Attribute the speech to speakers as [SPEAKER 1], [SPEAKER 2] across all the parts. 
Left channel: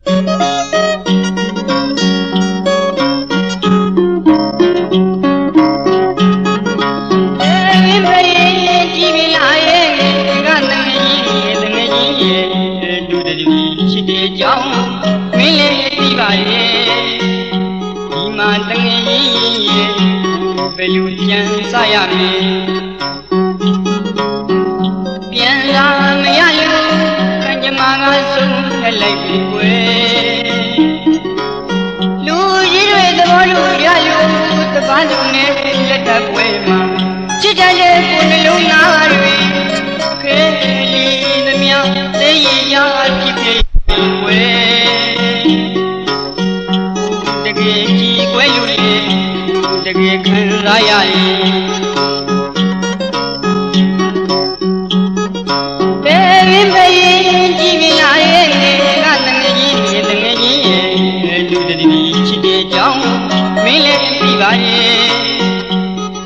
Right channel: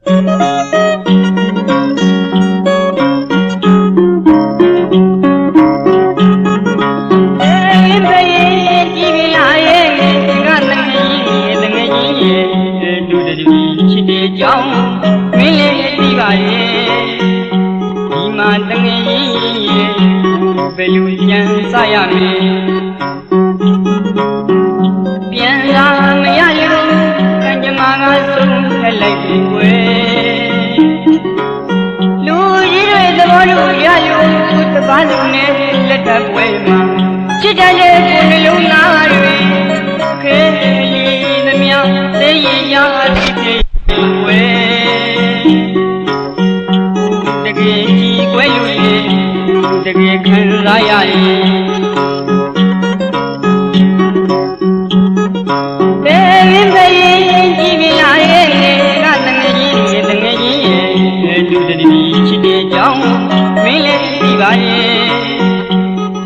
[SPEAKER 1] အေးဖေးကြည့်ပြီလားရဲ့ကတငယ်ကြီးတငယ်ကြီးရဲ့ဒုတတိချစ်တဲ့ကြောင်းမင်းလည်းသိပါရဲ့ဒီမှာတငယ်ကြီးရဲ့ဘယ်လိုကြံစားရမလဲ ရဲ့လူတတိချစ်တဲ့ကြောင်းမင်းလည်းသိပါရဲ့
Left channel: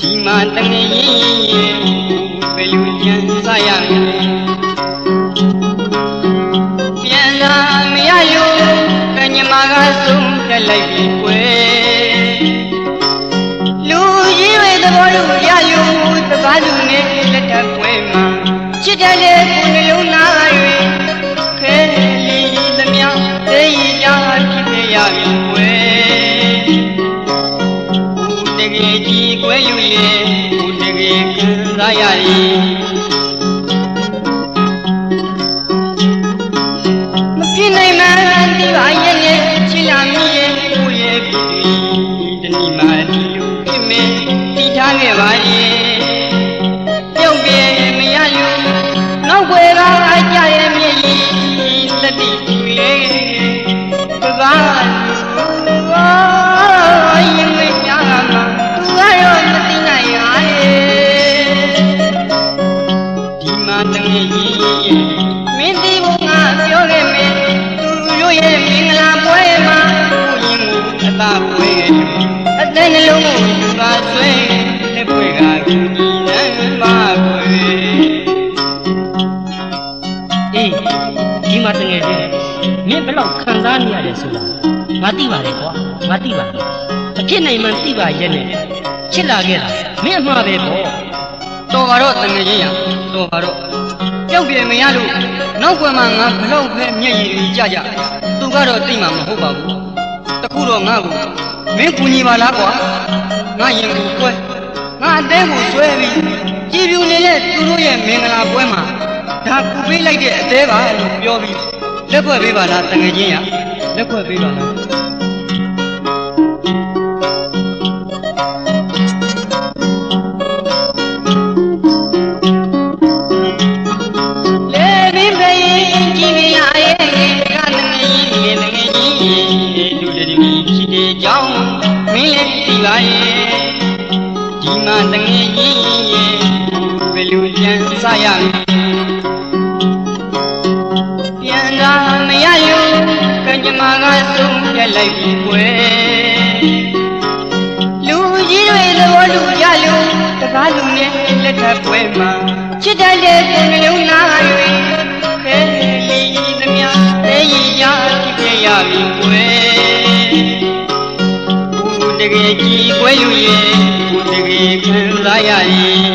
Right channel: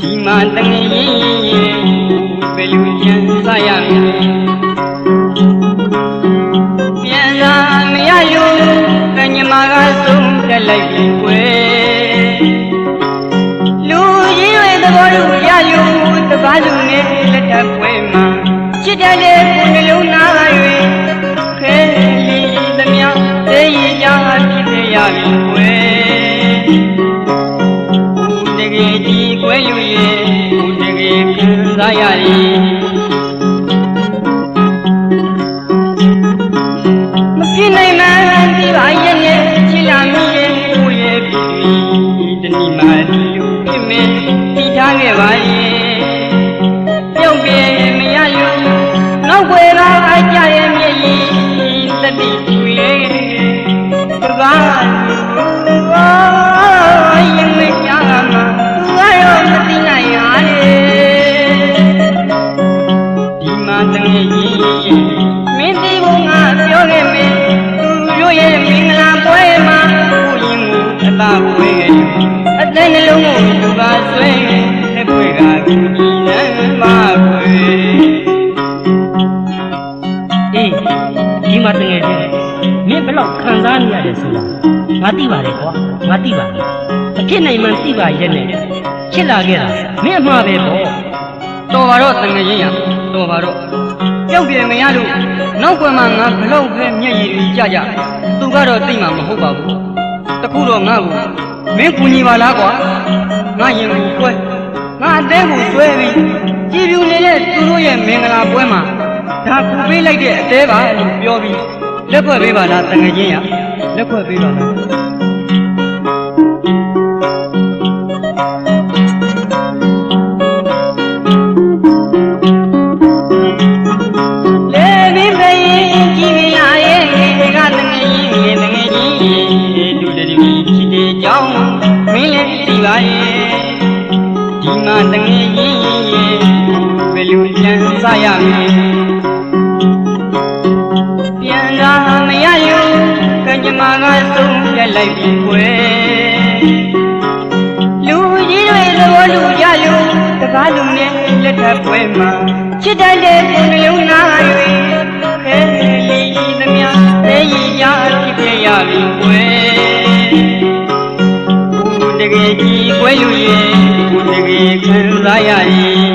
[SPEAKER 1] ဒီမှာတငယ်ကြီးရဲ့ဘယ်လိုကြံစားရမလဲ င်းဘယ်လောက်ခံ
[SPEAKER 2] စားနေရတယ်ဆိုတာငါသိပါတယ်ကွာငါသိပါတယ်အဖြစ်နိုင်မှန်သိပါရဲ့နဲ့ချစ်လာခဲ့တာမင်းအမှားပဲပေါ့
[SPEAKER 1] တော်ပါတော့တငယ်ချင်းရတော်ပါတော့ပြုတ်ပြေမရလို့နောက်ကွယ်မှာငါဘလောက်ပဲမျက်ရည်တွေကြကြသူကတော့သိမှာမဟုတ်ပါဘူးတခုတော့ငါ့ကိုမင်းကူညီပါလားကွာငါရင်ကိုကွဲငါအသေးကိုဆွဲပြီးကြည်ပြူနေတဲ့သူတို့ရဲ့မင်္ဂလာပွဲမှာဒါပူပေးလိုက်တဲ့အသေးပါလို့ပြောပြီး လက်ဖွဲ့ပေးပါလားတငယ်ချင်းရလက်ဖွဲ့ပေးပါလားလေဘင်းဖေးကြည့်မြလာရဲ့ကတငယ်ကြီးငယ်တငယ်ကြီးလူ လိုက်ပြီကွယ်လူကြီးတွေသဘောလူရလို့တကားလူနဲ့လက်ထပ်ပွဲမှာချစ်တယ်တဲ့ကိုယ်နှလုံးသားတွေခဲလီသမျှသိရရဖြစ်ပြရပြီကွယ်တကယ်ကြီးကွယ်လူရဲ့တကယ်ခံစားရရင်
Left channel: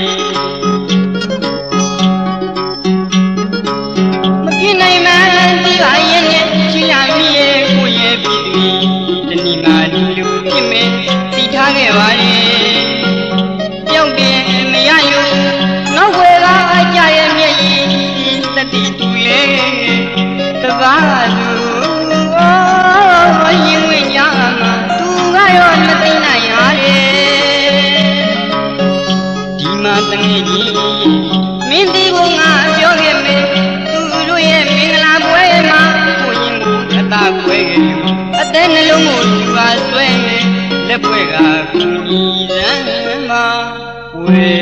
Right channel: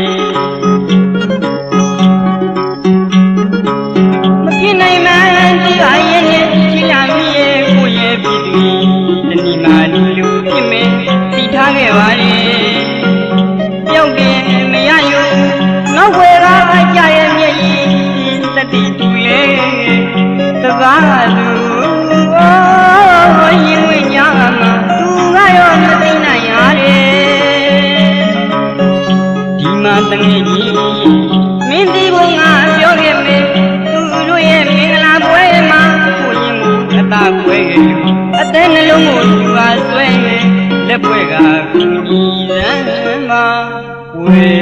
[SPEAKER 1] Amen.